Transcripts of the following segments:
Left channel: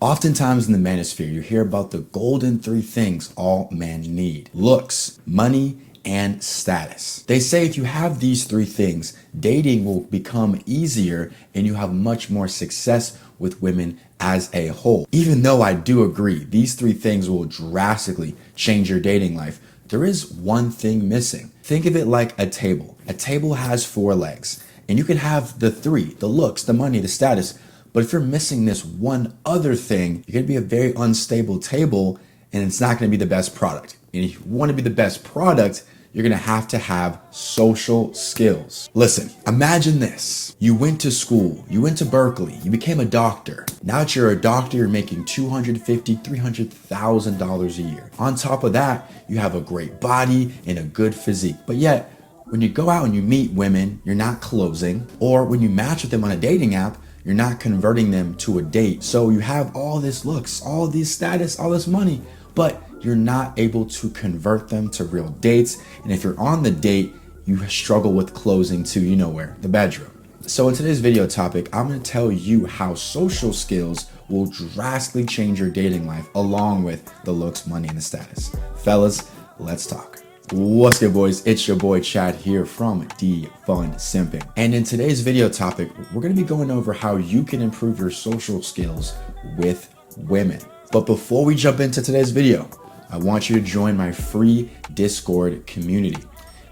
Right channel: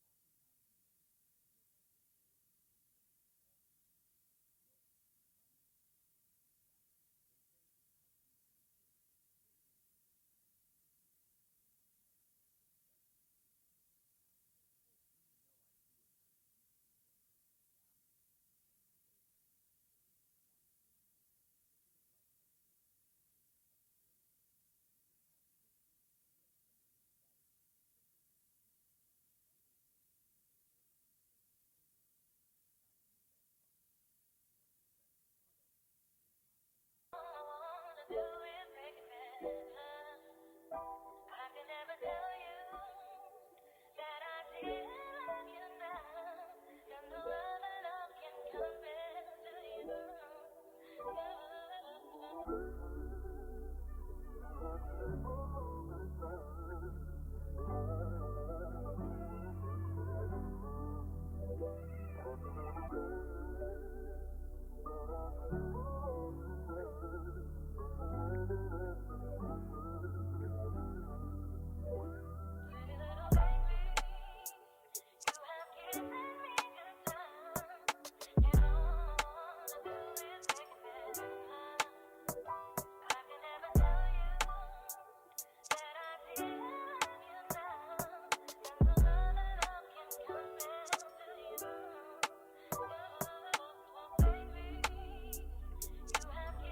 Oftentimes in the manosphere, you hear about the golden three things all men need: looks, money, and status. They say if you have these three things, dating will become easier and you have much more success with women as a whole. Even though I do agree, these three things will drastically change your dating life, there is one thing missing. Think of it like a table. A table has four legs, and you can have the three: the looks, the money, the status. But if you're missing this one other thing, you're gonna be a very unstable table and it's not gonna be the best product. And if you wanna be the best product, you're gonna have to have social skills. Listen, imagine this. You went to school, you went to Berkeley, you became a doctor. Now that you're a doctor, you're making $250,000, $300,000 a year. On top of that, you have a great body and a good physique. But yet, when you go out and you meet women, you're not closing, or when you match with them on a dating app, you're not converting them to a date. So you have all this looks, all this status, all this money, but you're not able to convert them to real dates. And if you're on the date, you struggle with closing to, you know where, the bedroom. So in today's video topic, I'm gonna tell you how social skills will drastically change your dating life along with the looks, money, and the status. Fellas, let's talk. What's good, boys? It's your boy Chad here from Deepen Simping. And in today's video topic, we're gonna be going over how you can improve your social skills with women. But before we jump into today's video, I want you to join my free Discord community.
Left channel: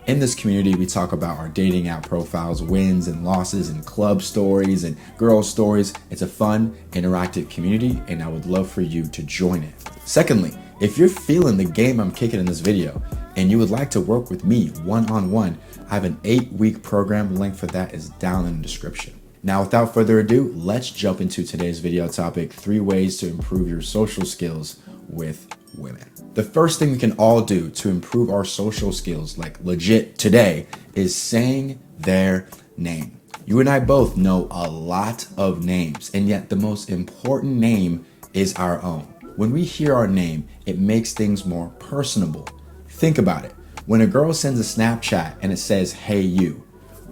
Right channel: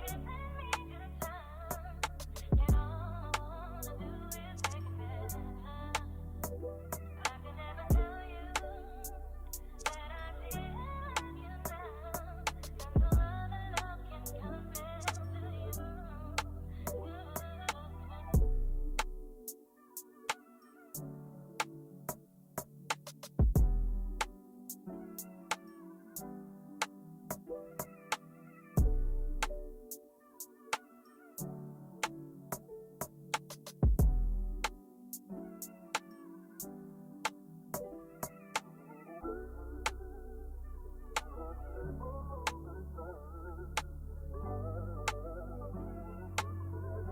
In this community, we talk about our dating app profiles, wins and losses, and club stories and girl stories. It's a fun, interactive community, and I would love for you to join it. Secondly, if you're feeling the game I'm kicking in this video and you would like to work with me one-on-one, I have an 8-week program. Link for that is down in the description. Now, without further ado, let's jump into today's video topic: 3 ways to improve your social skills with women. The first thing we can all do to improve our social skills, like legit today, is saying their name. You and I both know a lot of names, and yet the most important name is our own. When we hear our name, it makes things more personable. Think about it. When a girl sends a Snapchat and it says, "Hey you,"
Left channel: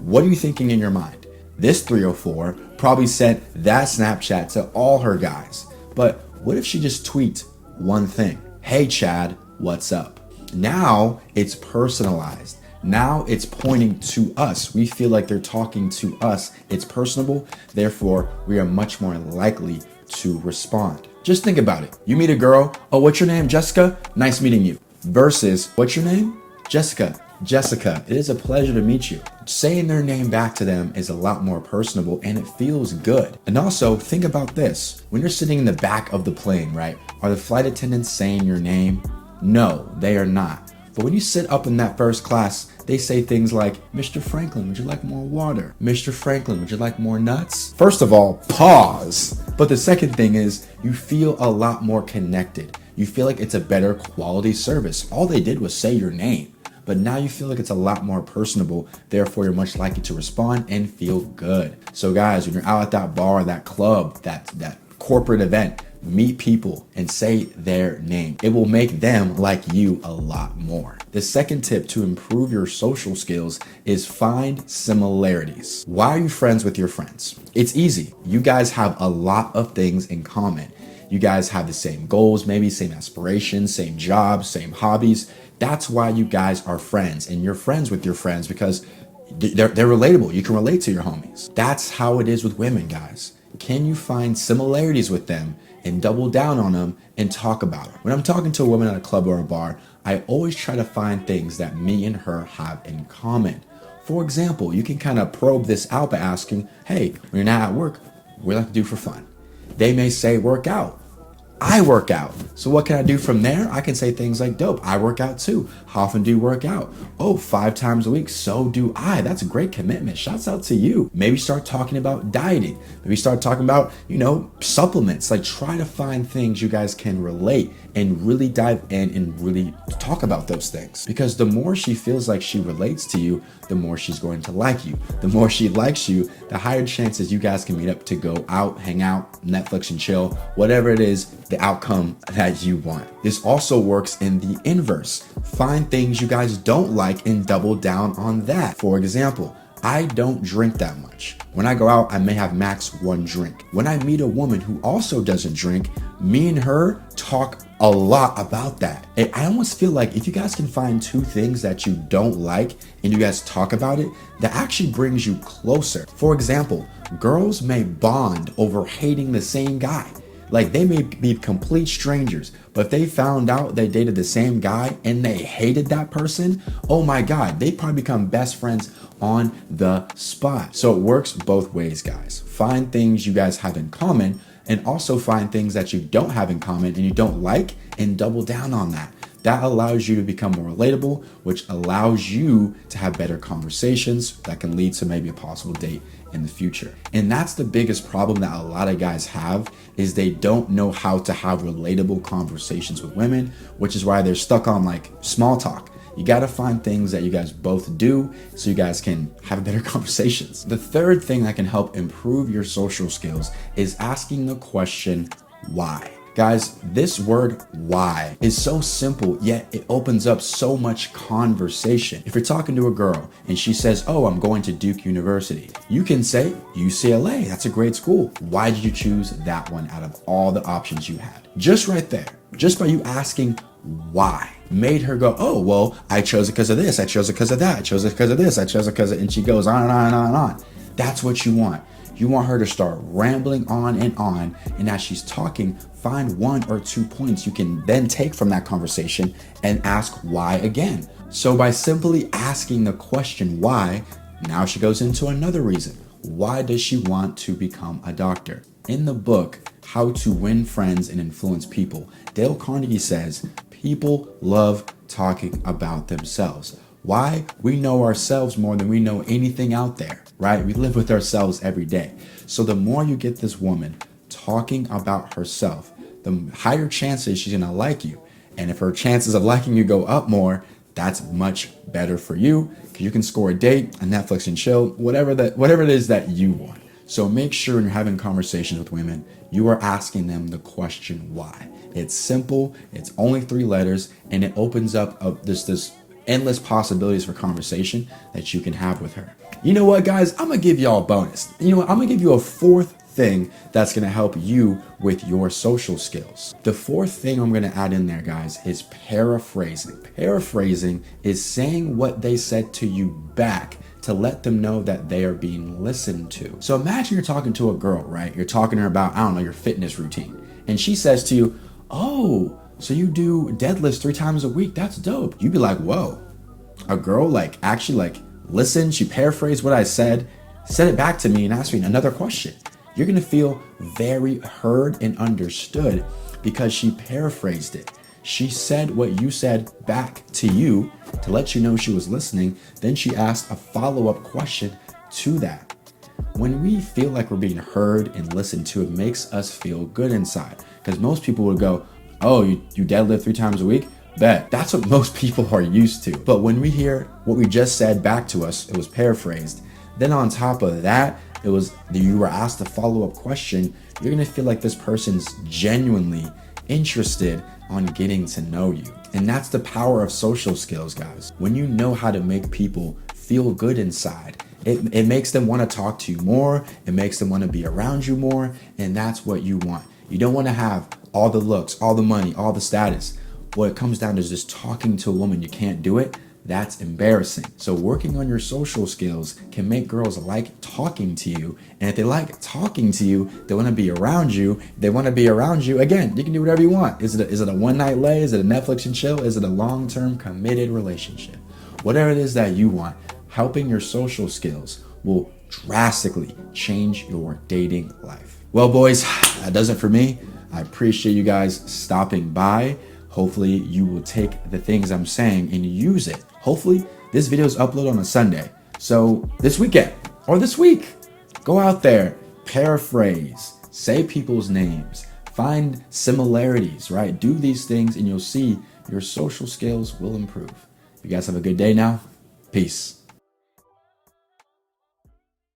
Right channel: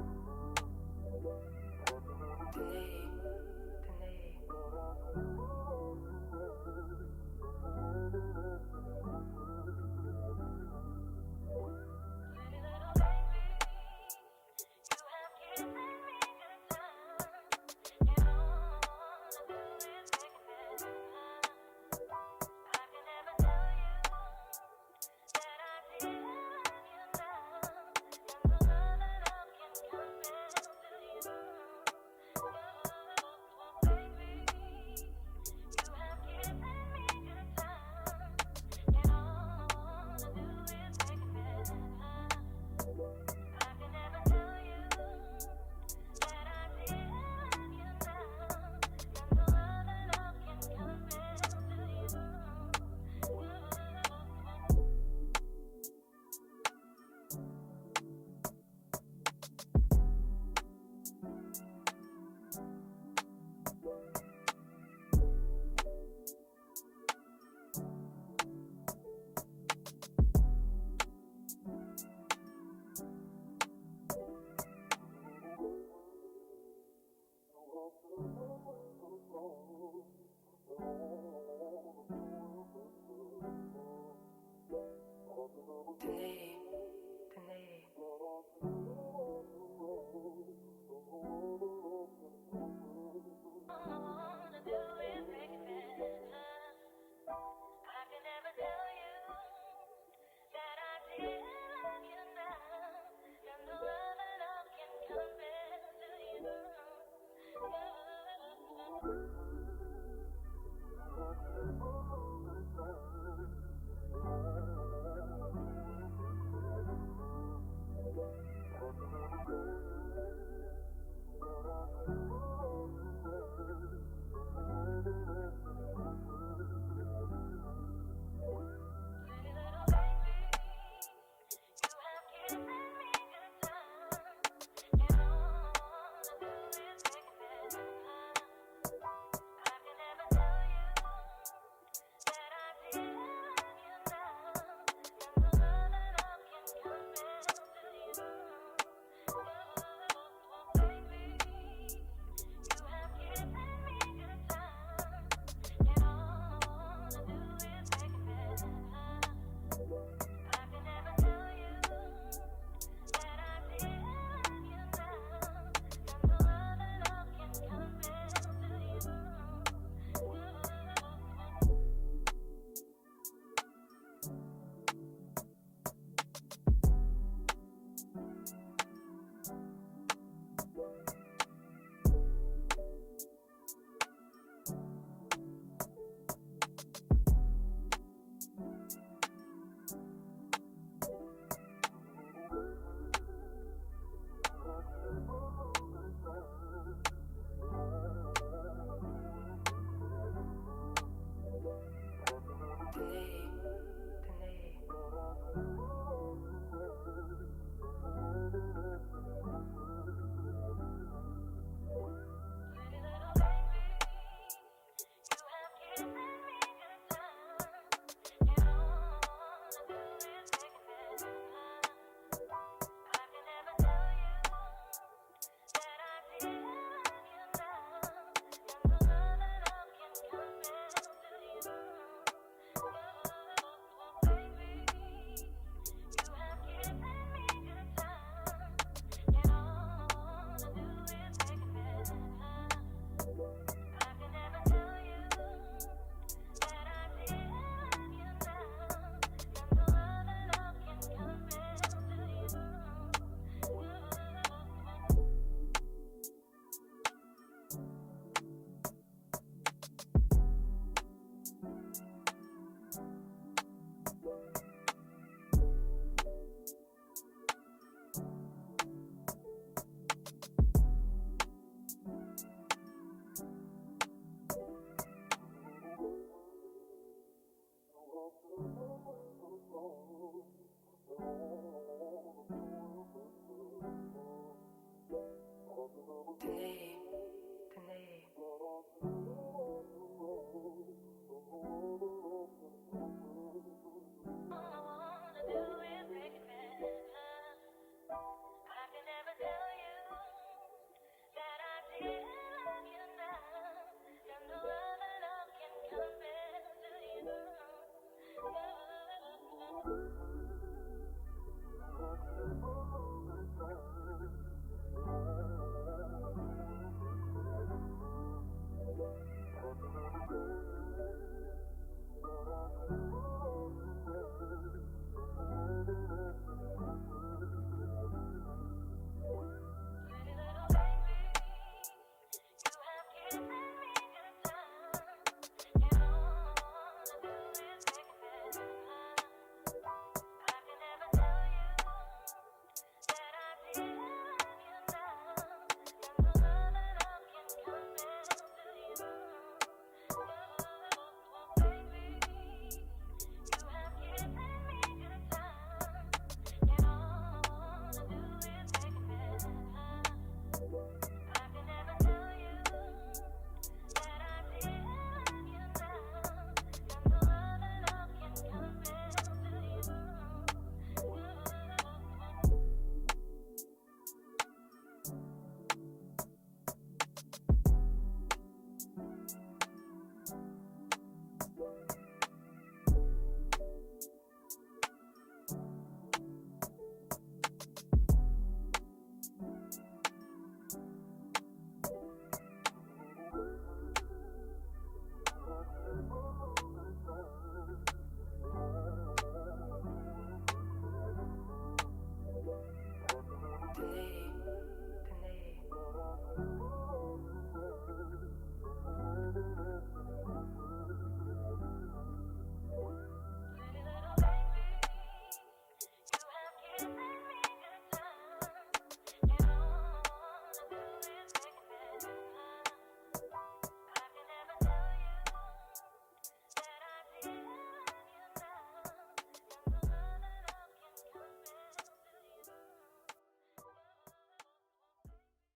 what are you thinking in your mind? This 304 probably sent that Snapchat to all her guys. But what if she just tweets one thing? "Hey Chad, what's up?" Now it's personalized. Now it's pointing to us. We feel like they're talking to us. It's personable. Therefore, we are much more likely to respond. Just think about it. You meet a girl. "Oh, what's your name? Jessica? Nice meeting you." Versus, "What's your name?" "Jessica. Jessica, it is a pleasure to meet you." Saying their name back to them is a lot more personable and it feels good. And also, think about this. When you're sitting in the back of the plane, right? Are the flight attendants saying your name? No, they are not. But when you sit up in that first class, they say things like, "Mr. Franklin, would you like more water? Mr. Franklin, would you like more nuts?" First of all, pause. But the second thing is, you feel a lot more connected. You feel like it's a better quality service. All they did was say your name. But now you feel like it's a lot more personable. Therefore, you're much likely to respond and feel good. So guys, when you're out at that bar, that club, that corporate event, meet people and say their name. It will make them like you a lot more. The second tip to improve your social skills is find similarities. Why are you friends with your friends? It's easy. You guys have a lot of things in common. You guys have the same goals, maybe same aspirations, same jobs, same hobbies. That's why you guys are friends, and you're friends with your friends because they're relatable. You can relate to your homies. That's how it is with women, guys. Can you find similarities with them and double down on them and talk about them? When I'm talking to a woman at a club or a bar, I always try to find things that me and her have in common. For example, you can kind of probe this out by asking, "Hey, when you're not at work, what do you like to do for fun?" They may say, "Work out." I work out. So what can I do from there? I can say things like, "Dope, I work out too. How often do you work out?" "Oh, 5 times a week. So do I." That's a great commitment. Shouts out to you. Maybe start talking about dieting. Maybe start talking about, supplements. Like, try to find things you guys can relate and really dive in and really talk about those things. Because the more she feels like she relates to you, the more she's going to like you. The more she likes you, the higher chances you guys can meet up to go out, hang out, Netflix and chill, whatever it is, the outcome that you want. This also works in the inverse. Find things you guys don't like and double down on that. For example, I don't drink that much. When I go out, I may have max one drink. When I meet a woman who also doesn't drink, me and her talk a lot about that. And I almost feel like if you guys can find two things that you don't like and you guys talk about it, that actually brings you closer. For example, girls may bond over hating the same guy. Like, they may be complete strangers, but if they found out they dated the same guy and they hated that person, oh my God, they probably become best friends on the spot. So it works both ways, guys. Find things you guys have in common, and also find things that you don't have in common and you don't like, and double down on that. That allows you to become more relatable, which allows you to have better conversations that can lead to maybe a possible date in the future. And that's the biggest problem that a lot of guys have, is they don't know how to have relatable conversations with women, which is why they're stuck on like small talk. You got to find things that you guys both do so you guys can have better conversations. The third thing that can help improve your social skills is asking the question, why? Guys, this word why is so simple, yet it opens up so much conversation. If you're talking to a girl and she says, oh, I'm going to Duke University, you can say UCLA, that's a great school. Why did you choose that one out of all the options you had? Just right there, just by you asking why, made her go, oh, well, I chose it because of this, I chose it because of that, I chose it because of this, I chose it because of, and she goes on and on and on and on. That's what you want. You want her to start rambling on, and as she's talking, find 1 or 2 points you can then take from that conversation and ask why again. So by simply asking the question why, now she goes into another reason. Why does she want to become a doctor? In the book, How to Win Friends and Influence People, Dale Carnegie says, people love talking about themselves. Why? We know ourselves more than we know anything out there, right? We live with ourselves every day. So the more you get this woman talking about herself, the higher chances she's gonna like you. And if her chances of liking you go up more, that's much better for you, because you can score a date, a Netflix and chill, whatever it is that you want. So make sure when you're having conversations with women, you are asking them the question why. It's simple, it's only 3 letters, and it opens up this endless possibilities for conversation that you can have with her. You know what, guys? I'm gonna give y'all a bonus. You know what? I'm gonna give you a 4th thing that's gonna help you with your social skills. The 4th thing I'm gonna add in there, guys, is paraphrasing. Paraphrasing is saying what they said to you back to let them know that they are being listened to. So imagine you're talking to a girl, right? You're talking to her about, I don't know, your fitness routine. And she says to you, oh, so you do deadlifts 3 times a week? That's dope. You'd be like, whoa, a girl actually listened, she paraphrased what I said it back to me and asked me another question. You're gonna feel very heard and understood because she paraphrased it. She said what you said back to you to let you know she was listening. Then she asked a follow-up question to that. When we feel like we're being heard and listened to, it makes us feel good inside. Because most people would go, oh, you deadlift 3 times a week? Bet. That's what most people are used to. But when we hear what we just said back to us, it was paraphrased. Then on top of that, you were asked a follow-up question. You're gonna feel like this person's genuinely interested on getting to know you. And that's the power of social skills, guys. When you know how to make people feel good inside, it makes them want to talk to you more, it makes them want to be around you more, and that's what you want. You don't want to have all the looks, all the money, all the status. What it comes down to is just talking to a woman. You can't do it. That's embarrassing. So working on your social skills can make girls like talking to you. And if they like talking to you, they want to be around you. They want to be around you. Again, you can do whatever you want. Is it a one-night lay? Is it a Netflix and chill? Is it a long-term committed relationship? Whatever it is that you want, helping your social skills will drastically change your dating life. Well, boys, that does it for me. I appreciate you guys stopping by. Hopefully you will take the things I'm saying and use it. Hopefully this video is uploaded on a Sunday. So this weekend or this week, go out there, paraphrase, say people's names, find similarities, right? Do these things and you'll see your social skills will improve. You guys have a good day now. Peace.